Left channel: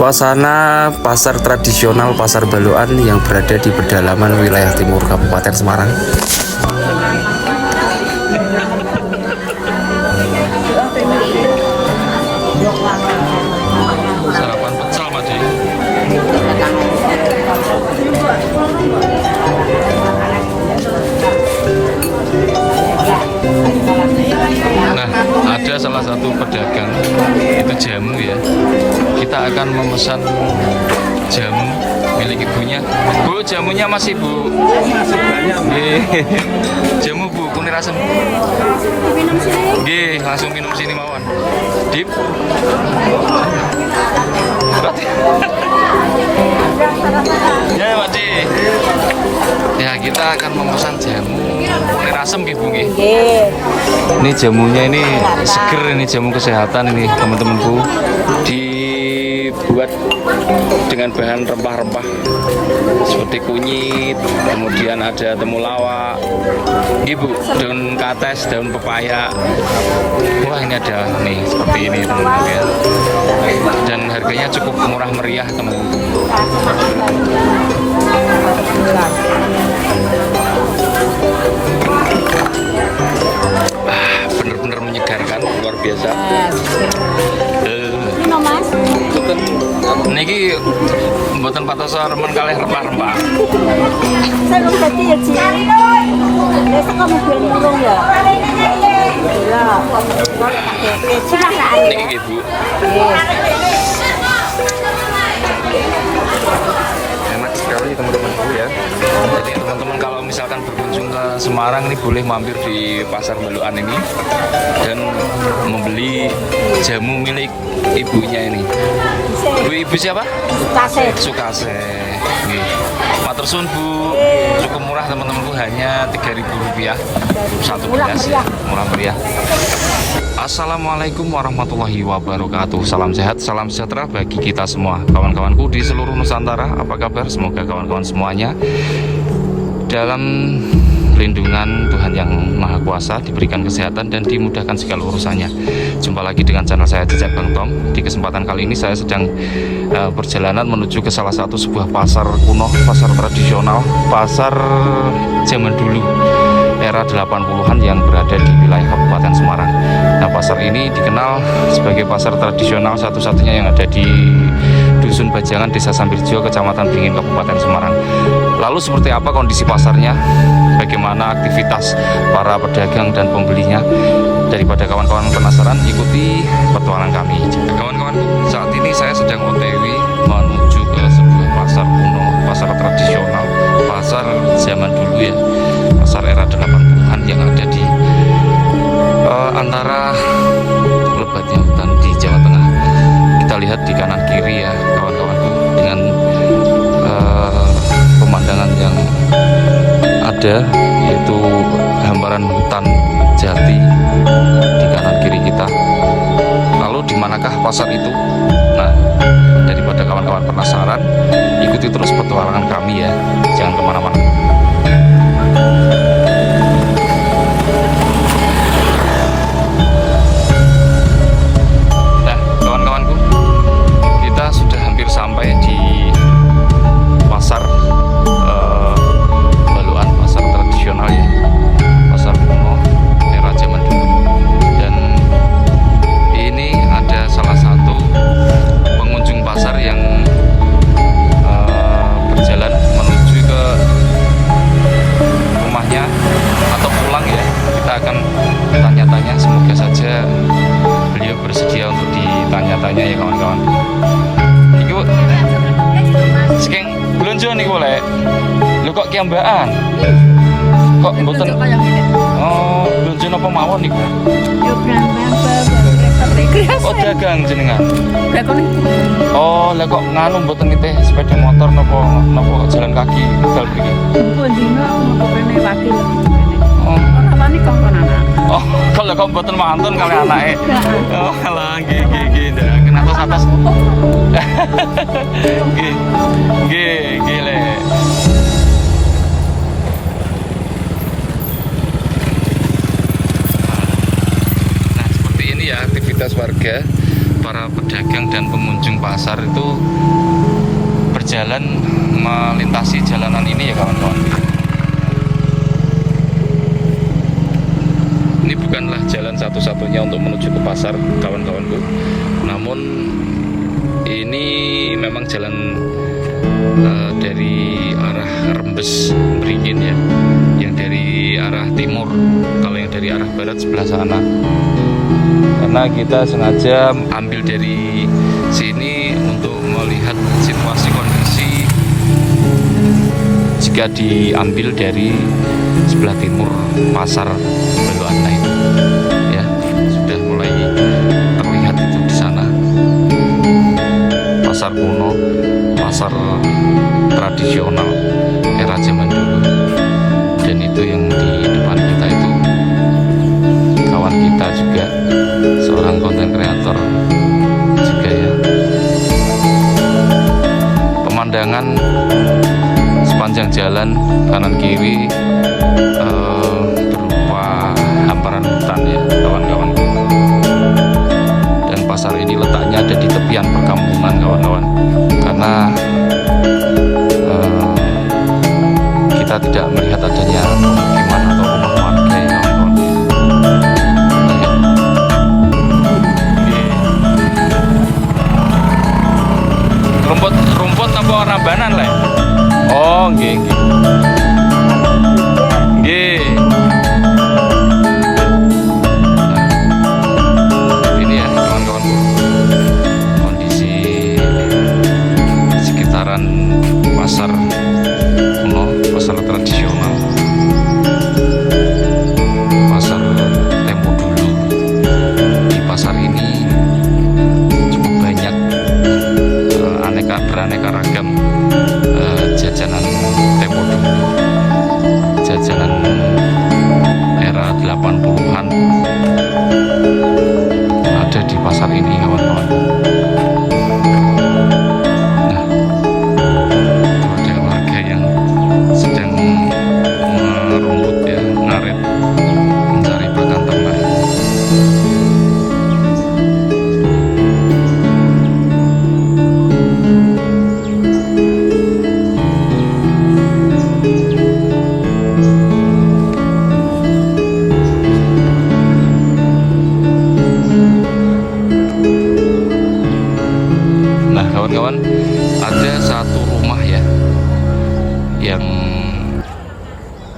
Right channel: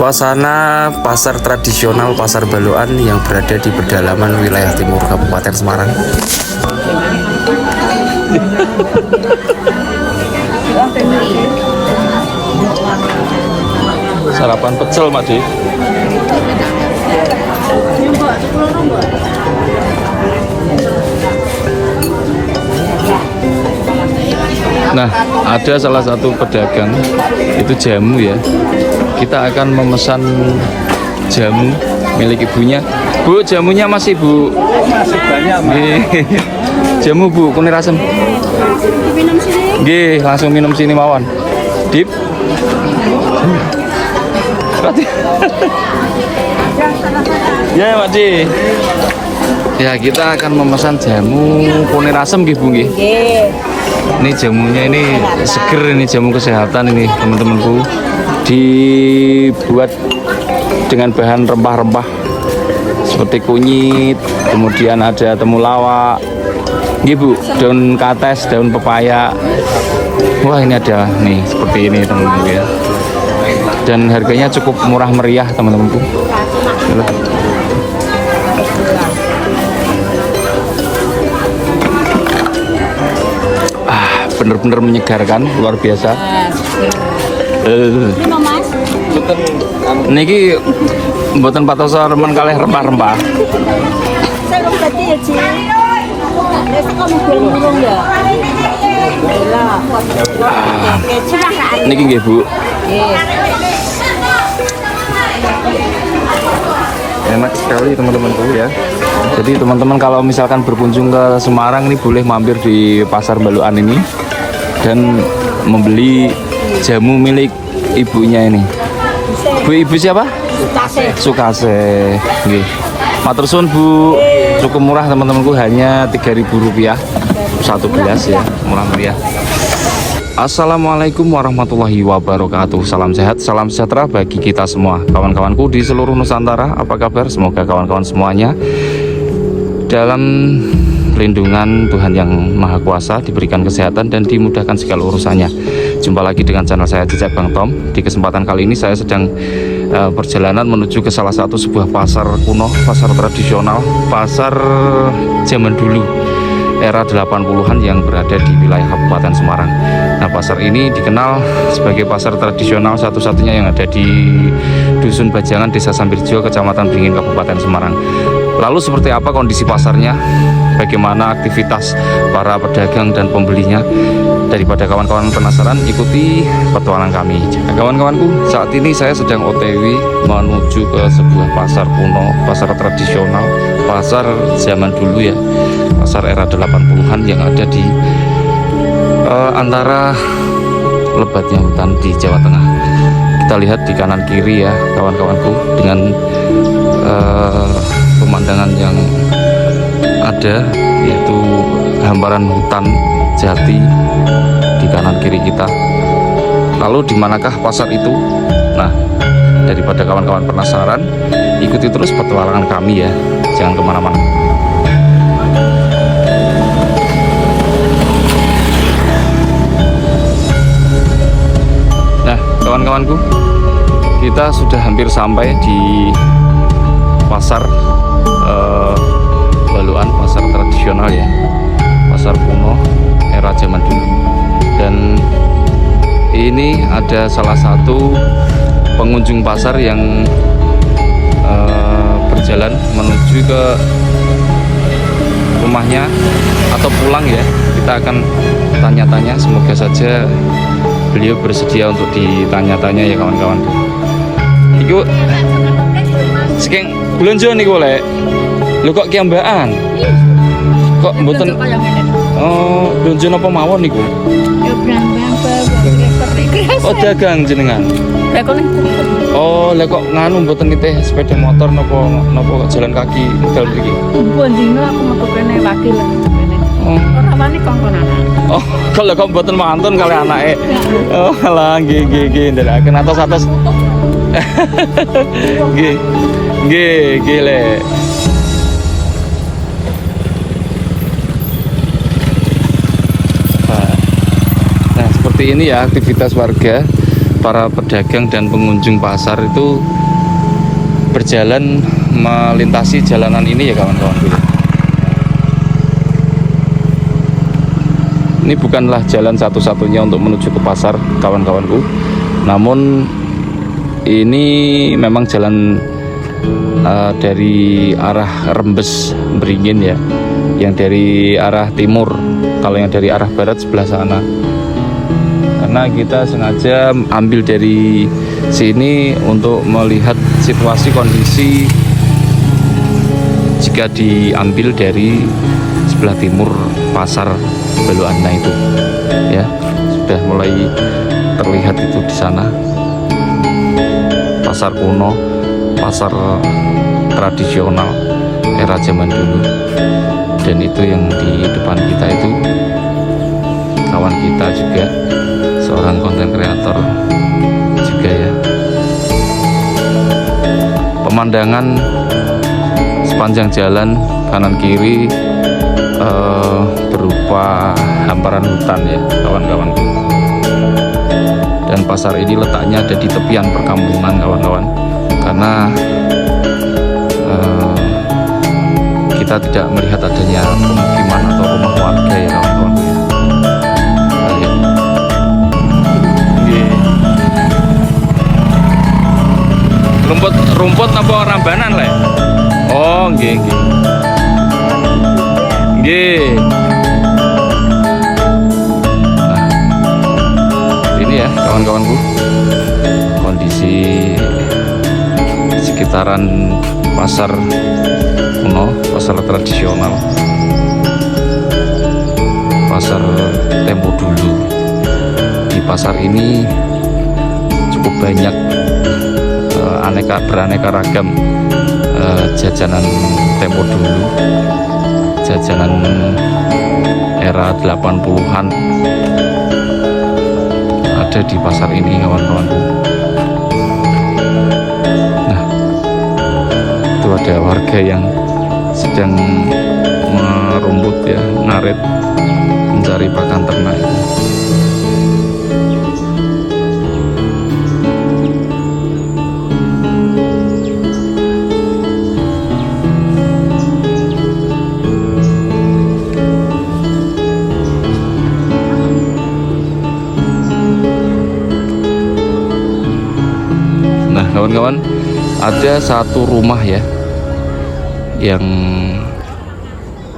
Suasana pasar tradisional Pasar Baluan yang berada di pedalaman wilayah timur Kabupaten Semarang. Sarapan pecel, Mak Di. Nah, ada salah satu pedagang itu jamu ya. Kita akan memesan jamu milik ibunya. Bu, jamunya masih, Bu? Masih banyak, Mbak. Jamu, Bu, kunir asem. Diminum sini. Nggih, langsung minum sini mawon. Dip. Berarti. Ya, Pak Di. Ya, kita akan memesan jamu kunir asem nggih, Bu nggih. Ini jamunya ini seger, ini jamu kesehatan ini teman-temanku, dibuat dengan bahan rempah-rempah seperti kunyit, kemudian ada temulawak, Bu, daun kates, daun pepaya. Wah, ini ada nih seperti ini teman-teman ya. Dan harganya cukup murah meriah teman-temanku. Bener-bener menyegarkan, luar biasa. Niki mboten patos remen kalih rempah-rempah. Saya berarti ya, Ci. Besok kamu mobil murung ya. Lah. Oke, silakan. Niki nggih, Bu. Enak sekali teman-temanku ya. Jadi teman-teman kalau misalkan berkunjung ke Semarang ini boleh mampir di Pasar Baluan ini dan membeli jamu milik ibunya ini. Bu, ibu siapa? Sukase. Sukase. Nggih. Matur suwun, Bu. Cukup murah teman-temanku, hanya Rp3.000 satu gelas ya, murah meriah. Assalamualaikum warahmatullahi wabarakatuh. Salam sehat, salam sejahtera bagi kita semua. Kawan-kawanku di seluruh Nusantara, apa kabar? Semoga kawan-kawan semuanya dalam lindungan Tuhan yang Maha Kuasa, diberikan kesehatan dan dimudahkan segala urusannya. Jumpa lagi dengan channel saya, Jejak Bang Tom. Di kesempatan kali ini saya sedang perjalanan menuju ke salah satu sebuah pasar kuno, pasar tradisional, pasar zaman dulu era 80-an yang berada di wilayah Kabupaten Semarang. Nah, pasar ini dikenal sebagai pasar tradisional satu-satunya yang ada di Dusun Bajangan, Desa Sambirjo, Kecamatan Beringin, Kabupaten Semarang. Lalu seperti apa kondisi pasarnya? Bagaimana aktivitas para pedagang dan pembelinya? Daripada kawan-kawan penasaran, ikuti petualangan kami. Nah, kawan-kawanku, saat ini saya sedang OTW menuju ke sebuah pasar kuno, pasar tradisional, pasar zaman dulu ya, pasar era 80-an yang ada di antara lebatnya hutan di Jawa Tengah. Kita lihat di kanan kiri ya kawan-kawanku, dengan pemandangan yang ada, yaitu hamparan hutan jati di kanan kiri kita. Lalu di manakah pasar itu? Nah, daripada kawan-kawan penasaran, ikuti terus petualangan kami ya, jangan kemana-mana. Nah, kawan-kawanku, kita sudah hampir sampai di pasar Baluan, pasar tradisional ya, pasar kuno era zaman dulu. Dan ini ada salah satu pengunjung pasar yang berjalan menuju ke rumahnya atau pulang ya. Kita akan tanya-tanya, semoga saja beliau bersedia untuk ditanya-tanya ya kawan-kawan. Iku saking belanja niku lek. Lho kok kiambaan? Kok mboten? Oh, belanja napa mawon niku? Ya brambang bawa Oh, dagang jenengan. Lah kok niku. Oh, lek kok nganu mboten nitih sepeda motor napa jalan kaki dal mriki? Kumpul dino aku metu kene wakil kene. Oh. Ora wani kongkon anak. Oh, kalau kok mboten mantun kali anake. Oh, alah nggih nderaken atos-atos. Nggih lek. Nah, seperti ini ya aktivitas warga para pedagang dan pengunjung pasar itu berjalan melintasi jalanan ini ya kawan-kawan. Ini bukanlah jalan satu-satunya untuk menuju ke pasar kawan-kawanku, namun ini memang jalan dari arah Rembes Beringin ya, yang dari arah timur. Kalau yang dari arah barat sebelah sana. Karena kita sengaja ambil dari sini untuk melihat situasi kondisi jika diambil dari sebelah timur pasar Baluana itu ya, sudah mulai terlihat itu di sana. Pasar kuno, pasar tradisional era zaman dulu. Dan itu yang di depan kita itu kawan kita juga, seorang konten kreator juga ya. Pemandangan sepanjang jalan kanan kiri berupa hamparan hutan ya kawan-kawan. Dan pasar ini letaknya ada di tepian perkampungan kawan-kawan, karena kita tidak melihat adanya pemukiman atau rumah warga ya kawan-kawan. Rumput apa rambanan lah? Oh, nggih nggih. Nggih. Nah, ini ya kawan-kawanku, kondisi sekitaran pasar kuno, pasar tradisional, pasar tempo dulu. Di pasar ini cukup banyak beraneka ragam jajanan tempo dulu, jajanan era 80-an ada di pasar ini kawan-kawan. Nah, itu ada warga yang sedang merumput ya, ngarit, mencari pakan ternak. Kawan-kawan, ada satu rumah ya yang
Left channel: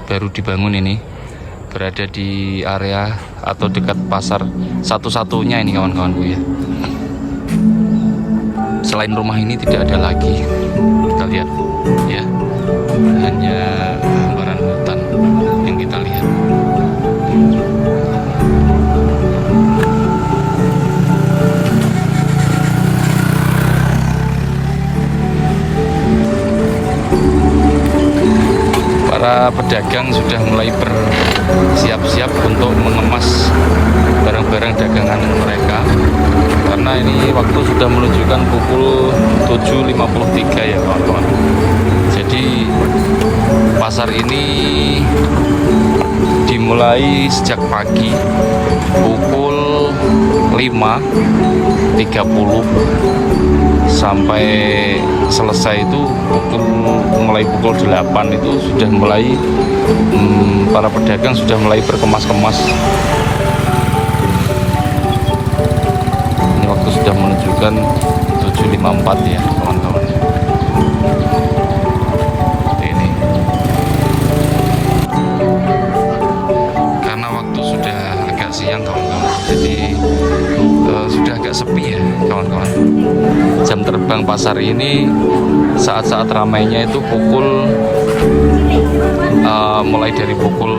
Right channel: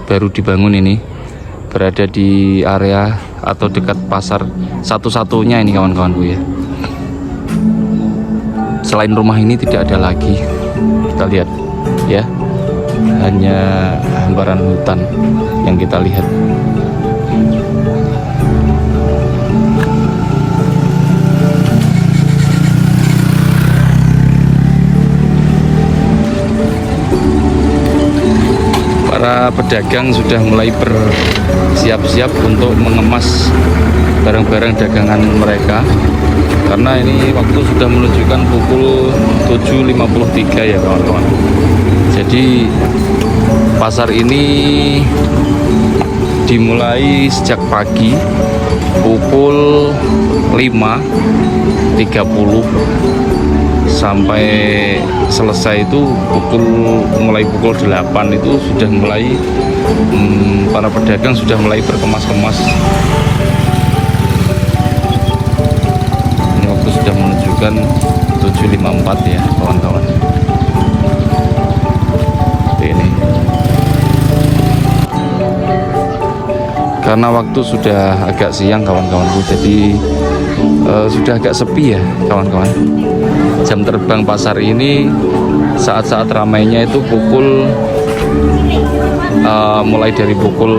baru dibangun ini, berada di area atau dekat pasar, satu-satunya ini kawan-kawanku ya. Selain rumah ini tidak ada lagi, kita lihat ya, hanya hamparan hutan yang kita lihat. Para pedagang sudah mulai bersiap-siap untuk mengemas barang-barang dagangan mereka, karena ini waktu sudah menunjukkan pukul 7.53 ya kawan-kawan. Jadi pasar ini dimulai sejak pagi pukul 5.30 sampai selesai itu mulai pukul 8 itu sudah mulai para pedagang sudah mulai berkemas-kemas. Ini waktu sudah menunjukkan 7.54 ya kawan-kawan. Ini karena waktu sudah agak siang kawan-kawan, jadi sudah agak sepi ya kawan-kawan. Jam terbang pasar ini saat-saat ramainya itu mulai dari pukul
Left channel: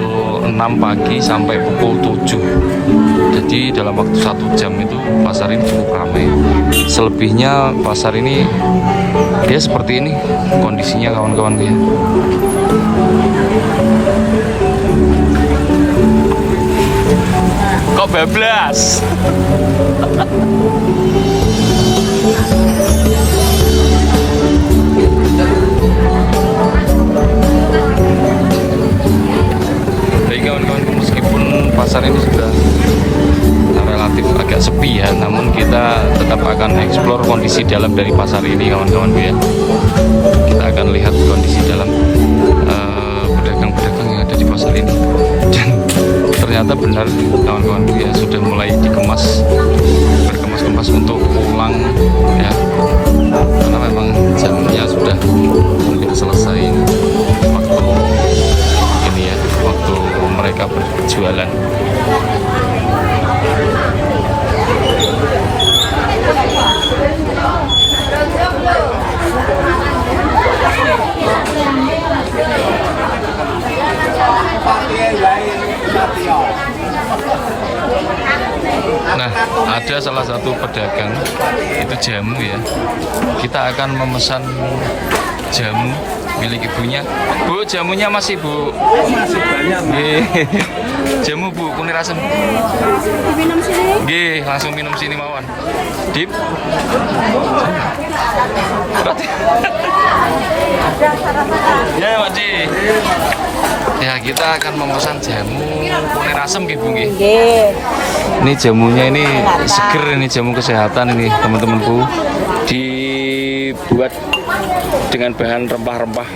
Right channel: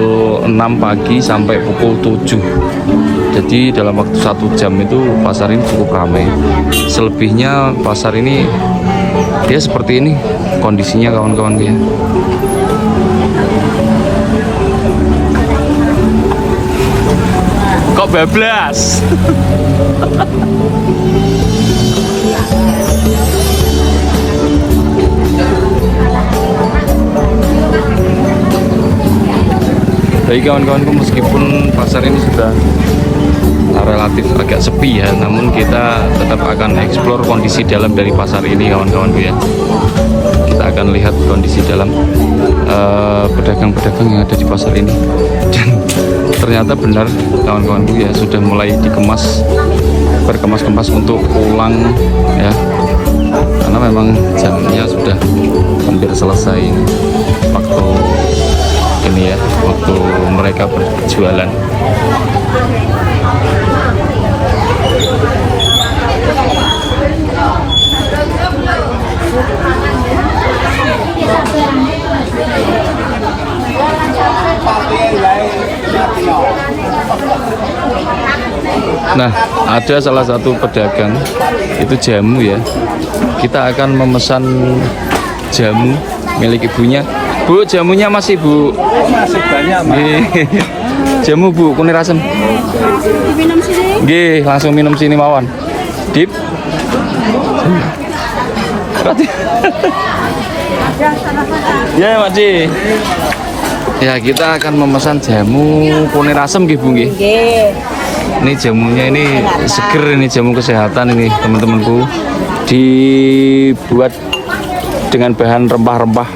6 pagi sampai pukul 7. Jadi dalam waktu 1 jam itu pasar ini cukup ramai. Selebihnya pasar ini dia seperti ini kondisinya kawan-kawan ya. Kok bablas? Jadi kawan-kawanku, meskipun pasar ini sudah relatif agak sepi ya, namun kita tetap dalam dari pasar ini kawan-kawanku ya. Kita akan lihat kondisi dalam pedagang-pedagang yang ada di pasar ini. Dan ternyata benar kawan-kawanku ya, sudah mulai berkemas-kemas untuk pulang ya, karena memang jamnya sudah hampir selesai waktu ini ya, waktu mereka berjualan. Nah, ada salah satu pedagang itu jamu ya. Kita akan memesan jamu milik ibunya. Bu, jamunya masih Bu? Masih banyak, Mas. Jamu Bu, kunir asem. Diminum sini. Nggih, langsung minum sini mawon. Dip. Ya, Mak Ci. Ya, kita akan memesan jamu kunir asem nggih Bu nggih. Ini jamunya ini seger, ini jamu kesehatan ini teman-temanku. Dibuat dengan bahan rempah-rempah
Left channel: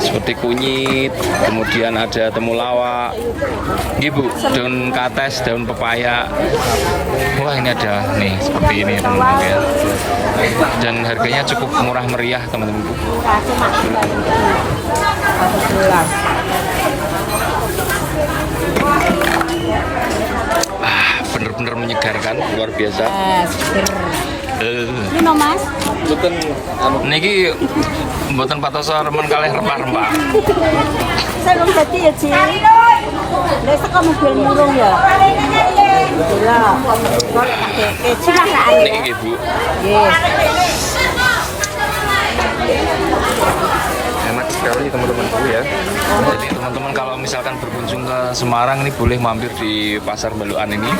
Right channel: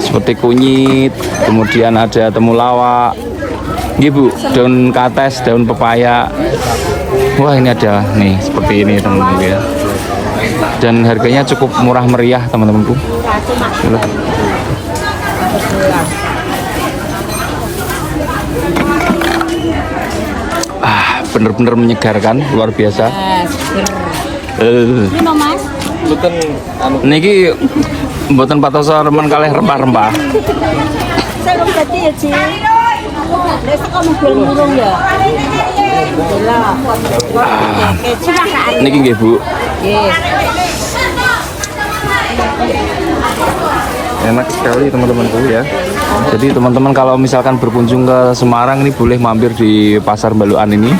seperti kunyit, kemudian ada temulawak, nggih Bu, daun kates, daun pepaya. Wah, ini ada nih seperti ini teman-teman ya. Dan harganya cukup murah meriah teman-temanku. Bener-bener menyegarkan, luar biasa. Ini Mas. Niki mboten patos remen kalih rempah-rempah. Saya belum tadi ya, Ci. Besok kamu mobil murung ya. Gila. Oke, silakan. Niki nggih, Bu. Nggih. Enak sekali teman-temanku ya. Jadi teman-teman kalau misalkan berkunjung ke Semarang ini boleh mampir di Pasar Balukan ini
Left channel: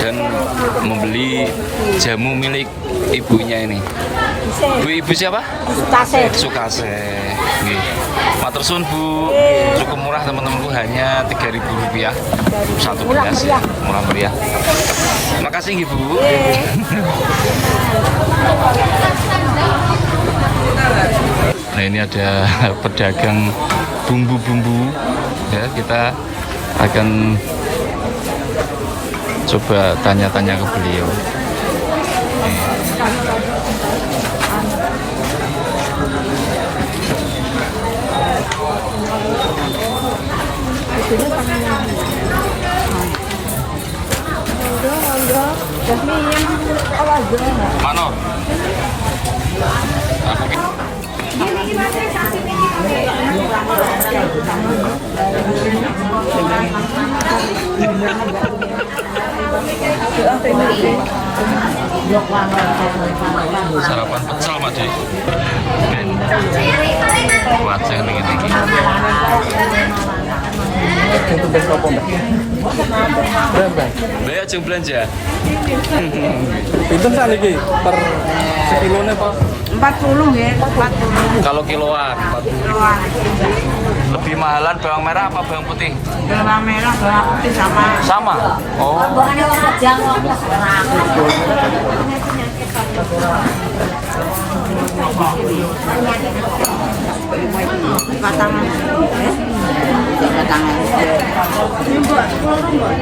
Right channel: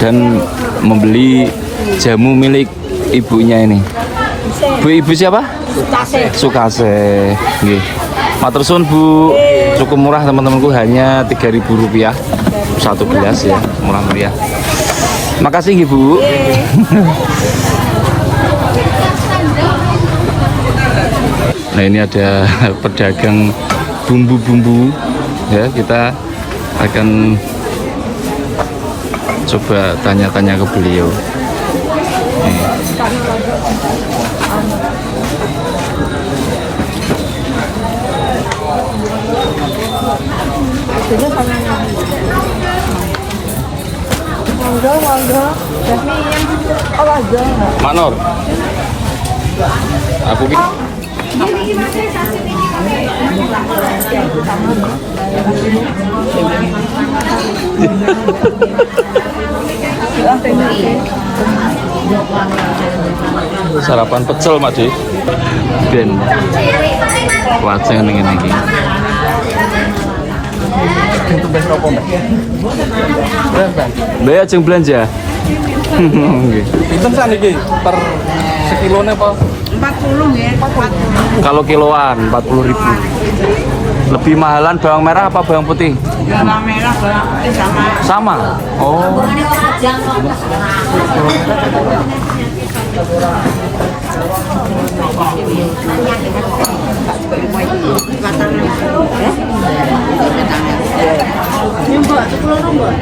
dan membeli jamu milik ibunya ini. Ibu siapa? Sukase. Sukase. Nggih. Matur suwun Bu. Cukup murah teman-temanku, hanya Rp3.000 satu gelas ya, murah meriah. Makasih nggih Bu. Nah, ini ada pedagang bumbu-bumbu ya, kita akan coba tanya-tanya ke beliau. Nih. Manor, aku sarapan pecel Mak Di. Ben wajeng ning ngene iki. Mbak ajeng belanja. Pinten sakniki per sekilone apa? 40 ya. Kalau kiloan 40.000. Lebih mahalan bawang merah apa bawang putih? Bawang merah, bawang putih sama. Sama. Oh. Mbak, 10 Mbak.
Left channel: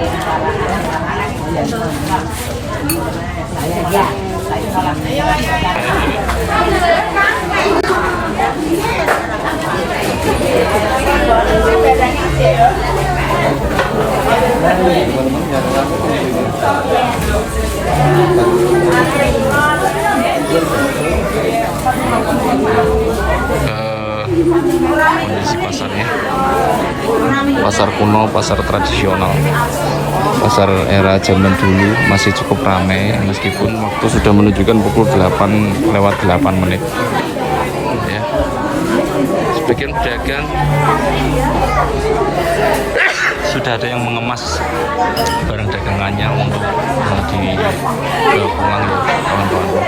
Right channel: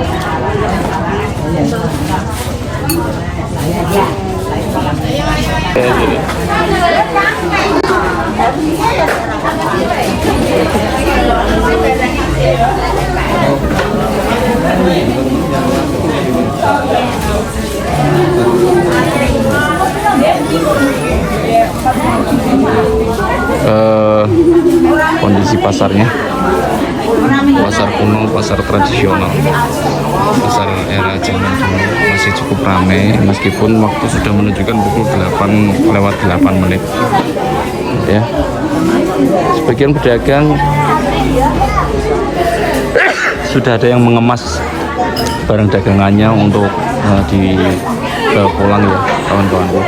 Kondisi pasarnya, pasar kuno, pasar tradisional, pasar era zaman dulu masih cukup ramai meskipun waktu sudah menunjukkan pukul 8:08 ya. Sebagian pedagang sudah ada yang mengemas barang dagangannya untuk pulang ya kawan-kawanku.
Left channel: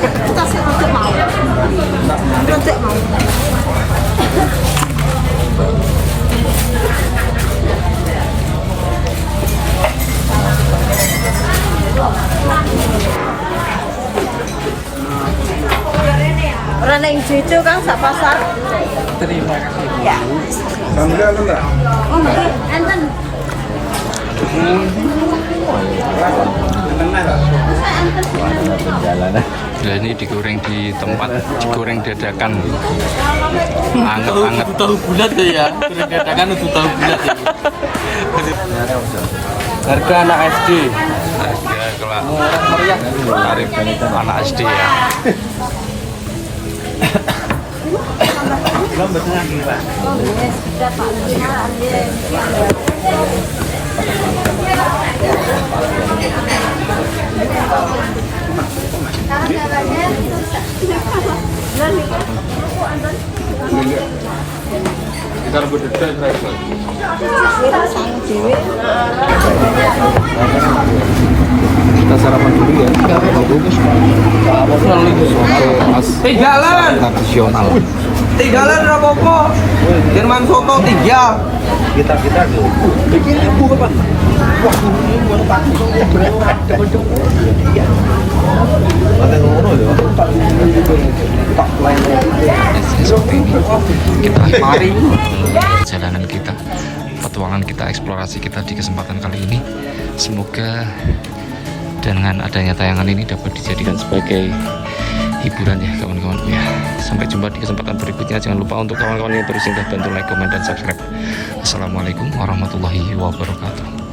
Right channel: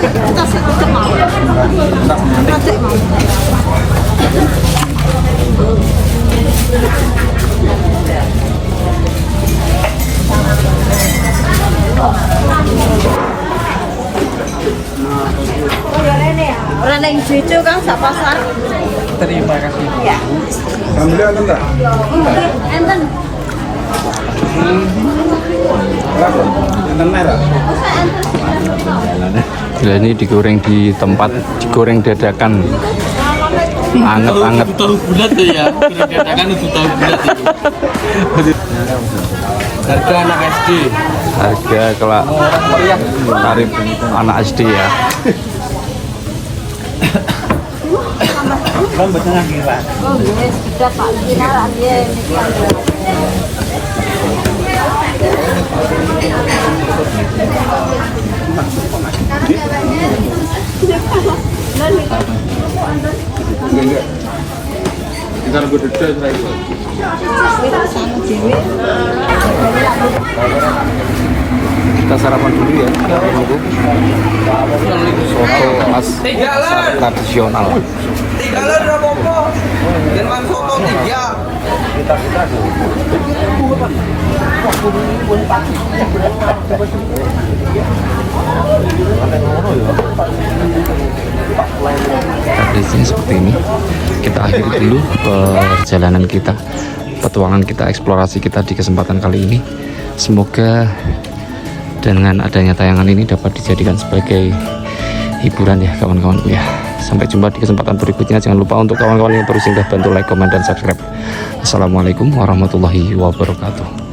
Kita sedikit mau. Sedikit mau. Orang yang situ kan sak pasar. Terima kasih. Ya. Alhamdulillah enggak? Enten. Nah, ini digoreng di tempat, digoreng dadakan, anget-anget. Tahu bulat ya. Dadakan untuk tahu bulat. Harga anak SD. Harga kelak tarif anak SD ya. Kita sarapan dulu ya. Menunggu soto khas pasar tradisional. Tiga lah apa-apa. Dengan soto 3. Kondisinya seperti ini. Kita akhiri dulu perjalanan kita, petualangan kita, eksplorasi kita di kesempatan kali ini. Semoga dengan adanya tayangan ini dapat dijadikan sebagai hiburan ya kawan-kawanku ya. Sampai jumpa di kesempatan berikutnya. Jangan lupa untuk kawan-kawan yang baru singgah bantu like, komen, dan subscribe. Assalamualaikum warahmatullahi wabarakatuh.